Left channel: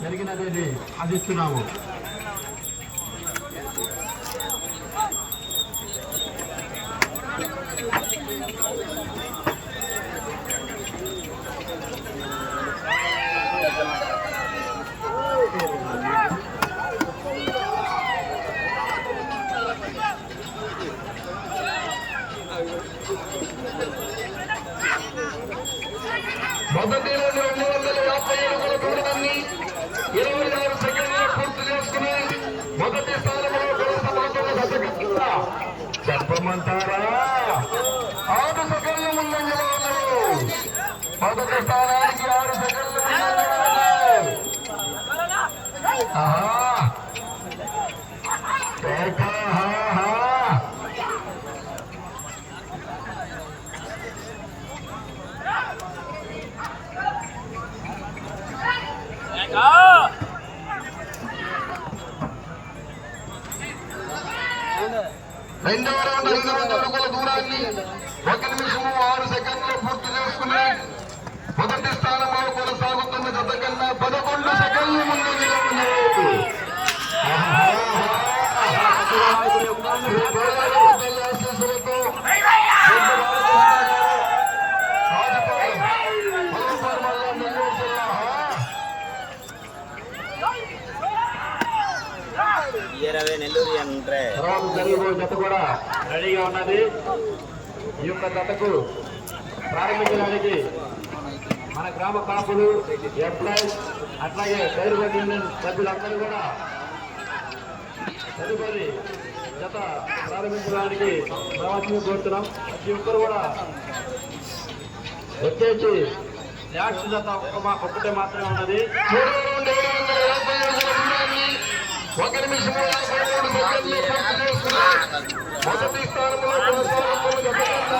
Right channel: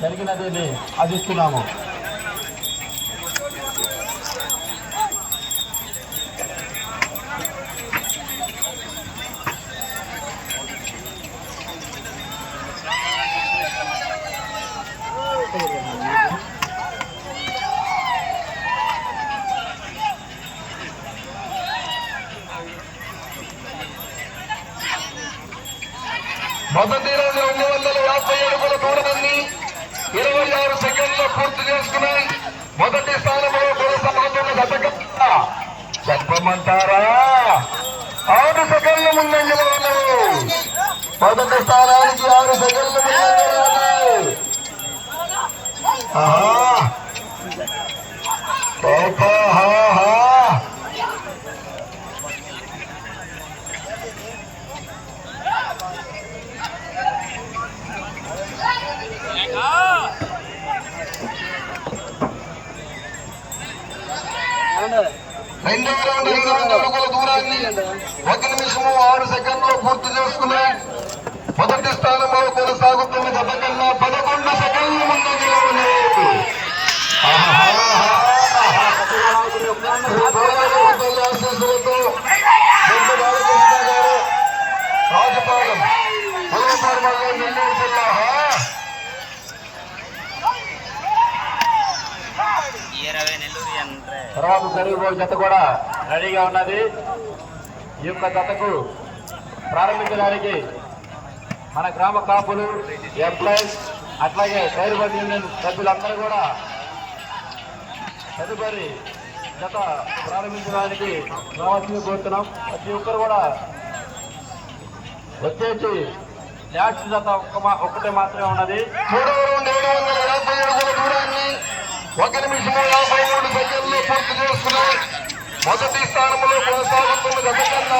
జరిగినది ఆశిస్తున్నాము మొదటి రోజు రెండు వందల యాభై ఏడు దూరాన్ని ఇరవై ఆరు సెకండ్లు పూర్తి మొదటి స్థానంలో కొనసాగుతున్న గతకట్ట చెప్పమంటారా? ఆరు సెకండ్లు ముందంజలో ఉన్నారు మొదటి స్థానానికి ఆరు సెకండ్లు ముందంజలో రెండవ రౌండ్ ఐదు వందల అడుగుల దూరాన్ని ఒక నిమిషము ఆరు సెకండ్లు పూర్తి చేసుకుని మొదటి స్థానంలో కొనసాగుతున్న గత కన్నా పదకొండు సెకండ్లు ముందంజలో ఉన్నాయి ఆశీస్సులతో పెద్ద బాలకృష్ణ గారు రాజపాలెం, మల్లెపూర్ మండలం, నెల్లూరు జిల్లా. ఇరవై నెల్లూరు అంటే తర్వాత జరిగిపోయే జత కూడా రెడీగా ఉన్నది. ఈ యొక్క జతకు ప్రారంభించడానికి మన గ్రామ కాపులు ఎంప్లాయీస్ అట్లాగే డైరీ యూనియన్ సభ్యులందరూ కూడా తదుపరి జత ప్రారంభించడానికి రావాల్సింది కోరుతున్నాం. ప్రతి ఒక్కరు కూడా వచ్చేసి ట్యాక్స్ జత ఒక్క ఒక్కటే మాత్రమే ఉన్నది. ఒక నిమిషము యాభై మూడు సెకండ్లు పూర్తి చేస్తున్నాయి మొదటి స్థానంలో కొనసాగుతున్న గత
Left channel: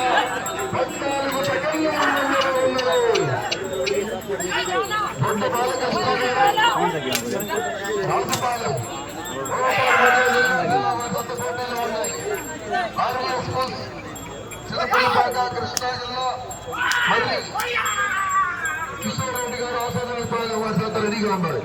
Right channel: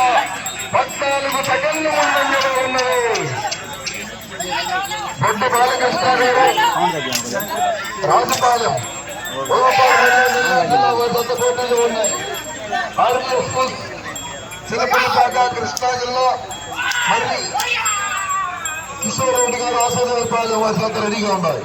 పద్నాలుగు సెకండ్లు ముందంజలో ఉన్నాయి రెండు బాలకృష్ణ రాజుపాలెం ఉన్నాయి కృష్ణా జిల్లా కిషోర్ రెడ్డి గారు ఆశీర్వాదాలు వసత రెడీగా ఉండాలి.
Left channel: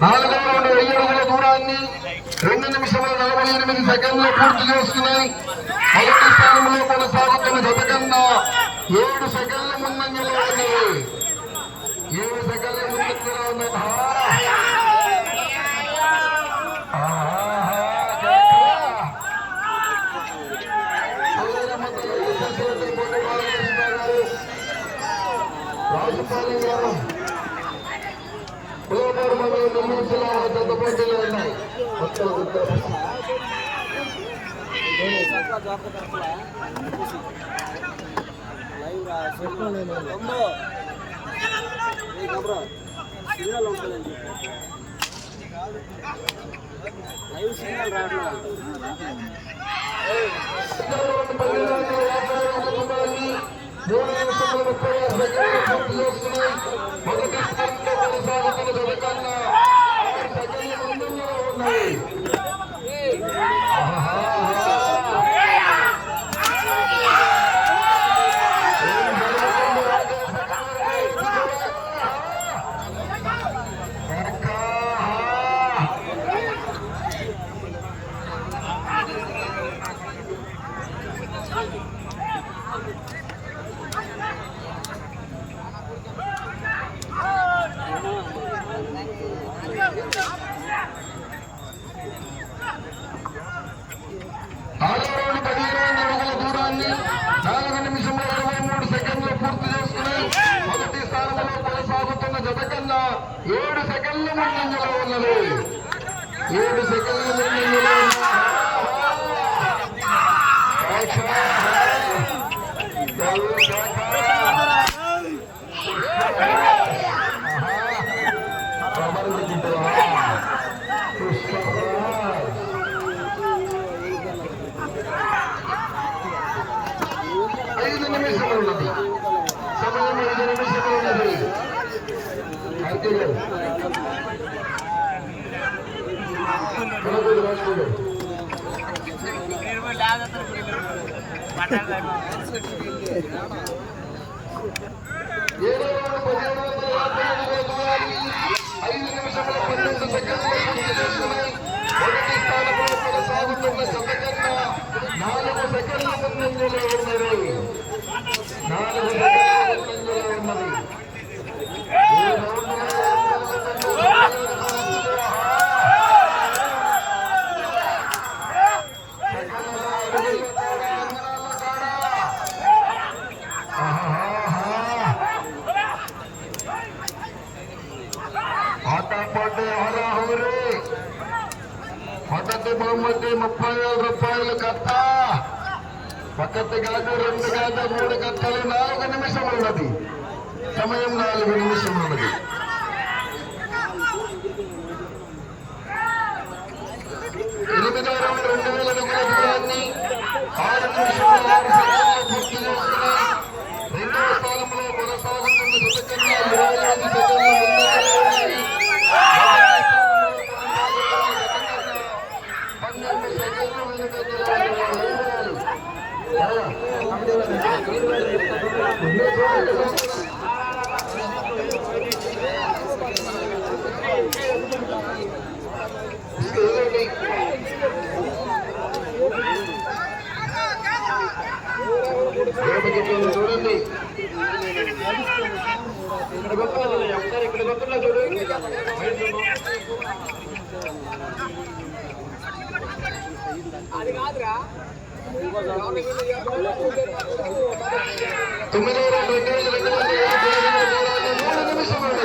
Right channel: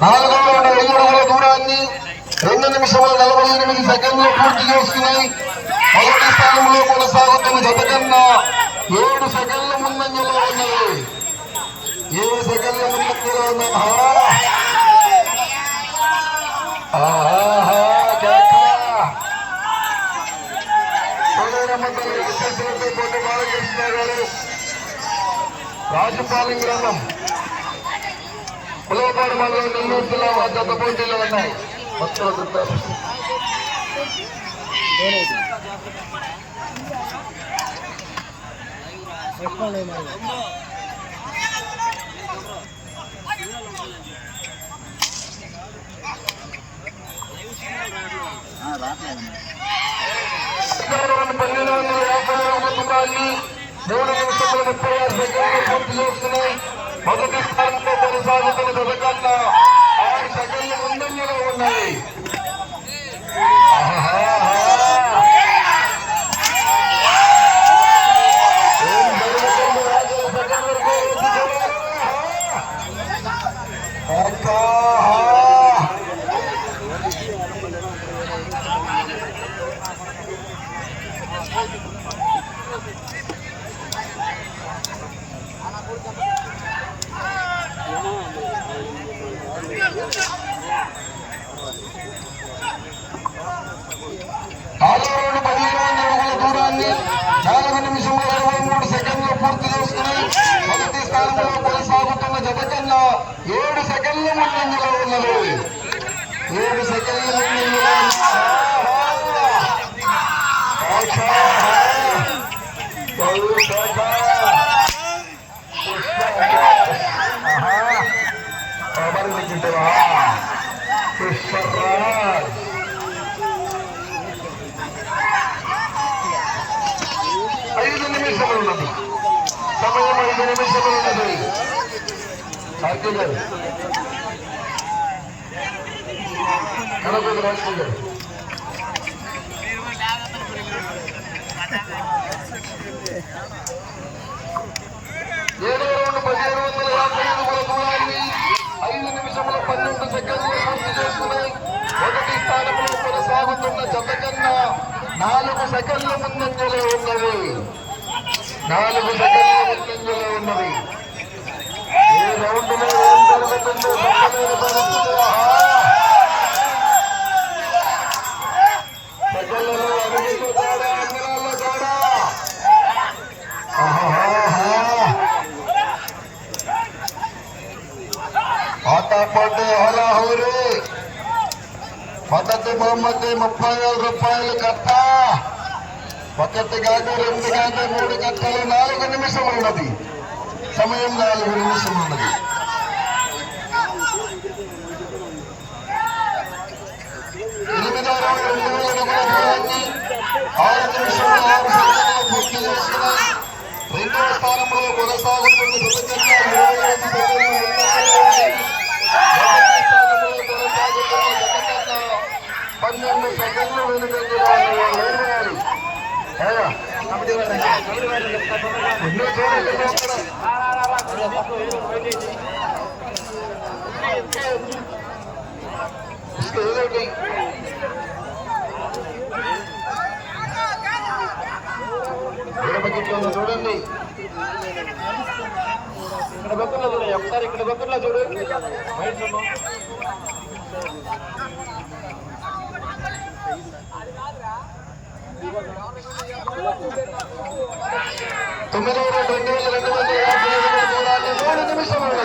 నాలుగు వందల వెయ్యి అడుగుల దూరాన్ని రెండు నిమిషముల నలభై ఎనిమిది సెకండ్లు పూర్తి చేసుకున్నాయి మొదటి స్థానంలో కొనసాగుతున్న జత కన్నా ఏడు సెకండ్ల ముందంజలో ఉన్నది ఏ సకల ముందంజలో ఉన్న రాజపాలెం గ్రామం పులవపాడు మండలం నెల్లూరు జిల్లా వద్ద పోటీలు ఉన్నాయి భక్తుల గుర్తు పన్నెండు వందల మూడు నిమిషముల ముప్పై ఆరు సెకండ్లు పూర్తి మొదటి స్థానంలో కొనసాగుతున్న ఆరు ముందంజలో ఉన్నాయి ఆరో రౌండ్ పదిహేను వందల అడుగుల దూరాన్ని నాలుగు నిమిషంలో ఇరవై మూడు సెకండ్లు పూర్తి చేసుకుని మొదటి స్థానంలో కొనసాగుతున్న జత కన్నా ఏడు సెకండ్ల ముందంజలో ఉన్నది ఏడు సెకండ్ల ముందంజలో ఐదు నిమిషాలు ఉన్నది సమయం ఐదు నిమిషములు ఉన్నది సాహిత్య గారు కనపూడి రాజకీయ గారు ఏడో రౌండ్ పదిహేను వందల యాభై అడుగుల దూరాన్ని ఐదు నిమిషముల పన్నెండు సెకండ్లు పూర్తి చేసుకున్నాయి మొదటి స్థానంలో కొనసాగుతున్న జత కన్నా నాలుగు సెకండ్ల ముందంజలో ఉన్నది నాలుగు సెకండ్ల ముందంజలో ఉన్నది ఈ రౌండ్లో బహుమతి ముప్పై వేల రూపాయలు కట్ట. ఒకటి కాదు రెండు కాదు మూడు కట్టలు నాలుగు నిమిషం ఉన్నది సమయం నాలుగు నిమిషం ఉన్నది ఎనిమిదో రౌండ్ రెండు వేల అడుగుల దూరాన్ని ఆరు నిమిషంలో ఆరు సెకండ్లు పూర్తి చేసిన రెండవ స్థానంలో కొనసాగుతున్న జతకన్నా ఇరవై ఐదు సెకండ్లు ముందంజలో ఉన్నాయి. మొదటి స్థానంలో కొనసాగుతున్న జతకన్నా పన్నెండు సెకండ్లు వెనుకంజలో ఉన్నాయి. అయ్యా. ఎన్నో చోట్ల చూస్తున్నాం. ఇస్తే ఏమిటి? ఎడమ చూడండి ఇక్కడ బతుల్లో చూడు ఒకసారి ఇక్కడ బతుల్లో చూడండి తొమ్మిది రెండు రెండు వేల రెండు వందల యాభై మూడు నిమిషం ఉన్నది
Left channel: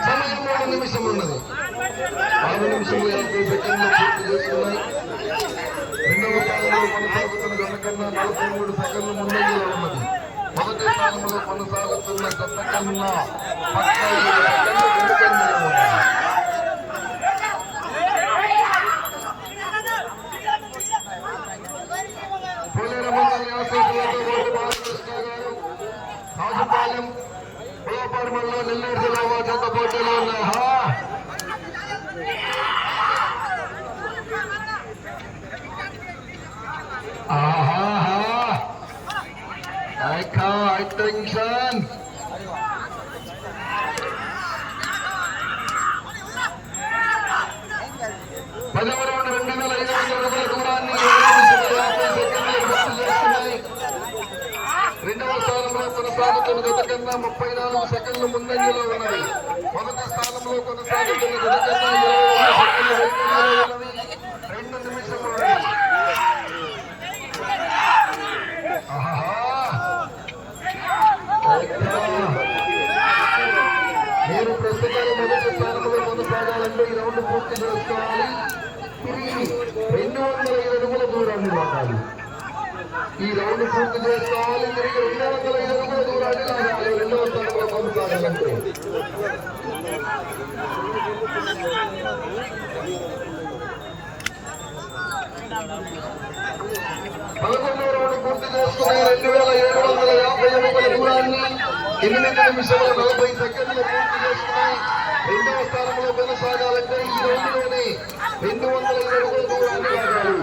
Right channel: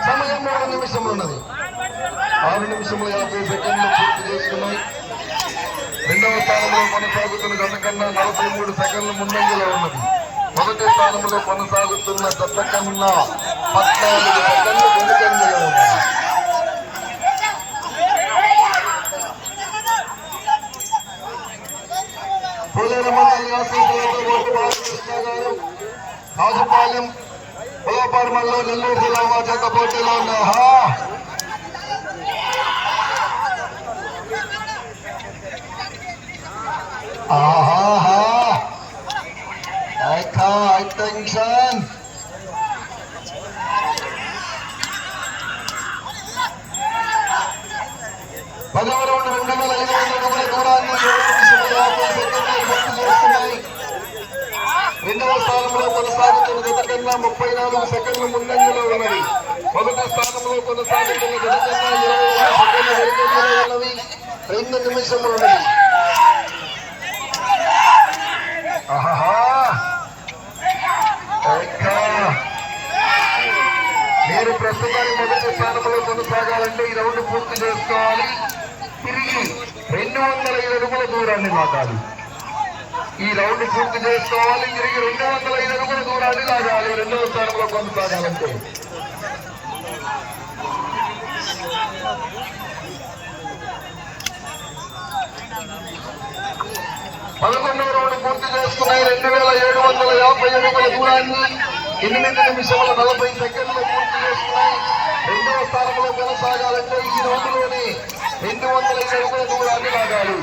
సమయం మూడు నిమిషం ఉన్నది ఆరు నిమిషములు యాభై సెకండ్లు పూర్తి చేసుకున్నాయి కొనసాగుతున్న గత కన్నా నలభై మూడు సెకండ్లు ముందంజలో ఉన్నది మొదటి స్థానంలో కొనసాగుతున్న గత కన్నా రాజుపాలెం నెల్లూరు జిల్లా మా చేత పోటీలో ఉన్న హా ఆహాహా అటెన్షన్ పదవ రౌండ్ రెండు వేల ఐదు వందల అడుగుల దూరాన్ని ఏడు నిమిషముల యాభై సెకండ్లు పూర్తి చేస్తున్నాయి. రెండవ స్థానంలో కొనసాగుతున్న గత కన్నా ముప్పై నాలుగు సెకండ్లు ముందంజలో మొదటి స్థానంలో కొనసాగుతున్న గత కన్నా ఇరవై సెకండ్లు వెనుకంజలో రెండు నిమిషములు. మీరు ప్రస్తుతాన్ని మొదటి స్థానంలో కొనసాగాలంటే ఈ రౌండ్ పూర్తి చేసుకోవాలి. తిరిగి రెండు వందల ఐదు అడుగుల దూరాన్ని లాగాలి. ఈ రౌండ్ పూర్తి చేసుకోవాలి. తిరిగి రెండు వందల ఐదు అడుగుల దూరాన్ని లాగాలి. రెండవ స్థానంలో కొనసాగాలంటే. పదకొండవ రౌండ్ పూర్తి చేసుకున్నాయి రెండు వేల ఏడు వందల యాభై అడుగుల దూరాన్ని ఎనిమిది నిమిషముల నలభై సెకండ్లు పూర్తి చేసుకున్నాయి రెండవ స్థానంలో కొనసాగాలంటే ఈ రోజులోనే రెండు వందల ఐదు అడుగుల దూరాన్ని లాగాలి.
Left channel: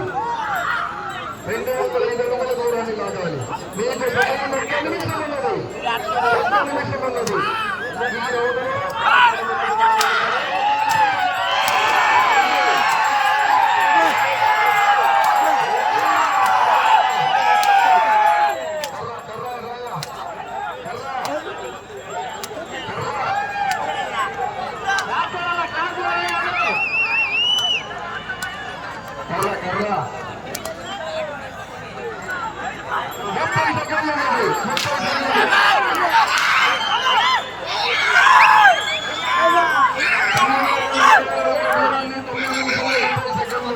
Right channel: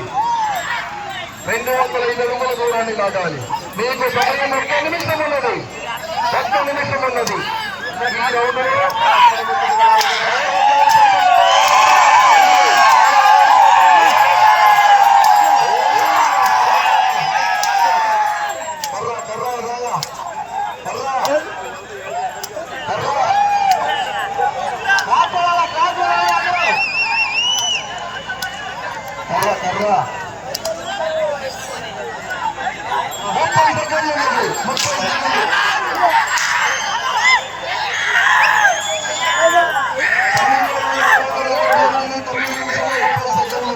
రెండు వందల ఐదు అడుగుల దూరాన్ని లాగాలి. మీకు సమయం ఒక్క నిమిషం ఉన్నది. ఒక్క నిమిషం ఉన్నది.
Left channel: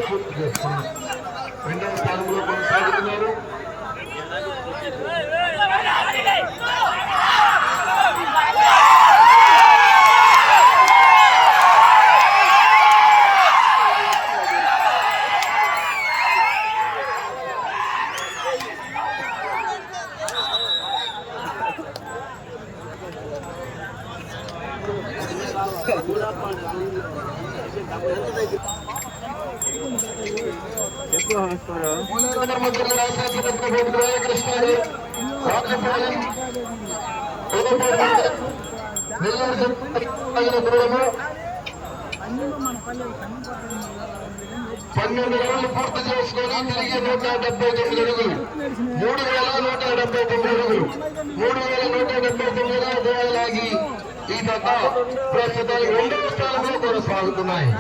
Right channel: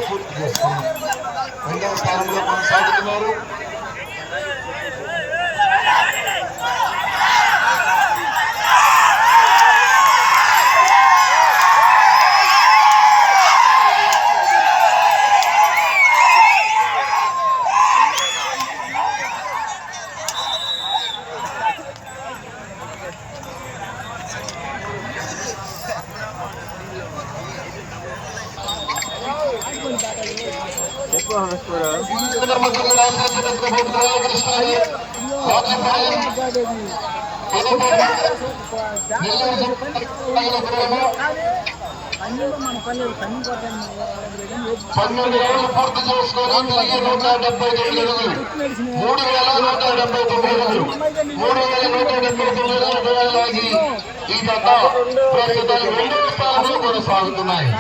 పూర్తి చేస్తున్నారు రెండవ స్థానంలో కొనసాగుతున్నారు పన్నెండు రోజులు పూర్తి చేసుకొని తిరిగి నూట డెబ్బై తొమ్మిది అడుగులు మూడు వేల నూట డెబ్బై తొమ్మిది అడుగులు మూడు వేల నూట డెబ్బై తొమ్మిది అడుగులు దూరాలాగి ఈ కథ ప్రస్తుతం రెండవ స్థానంలో కొనసాగుతున్నాయి.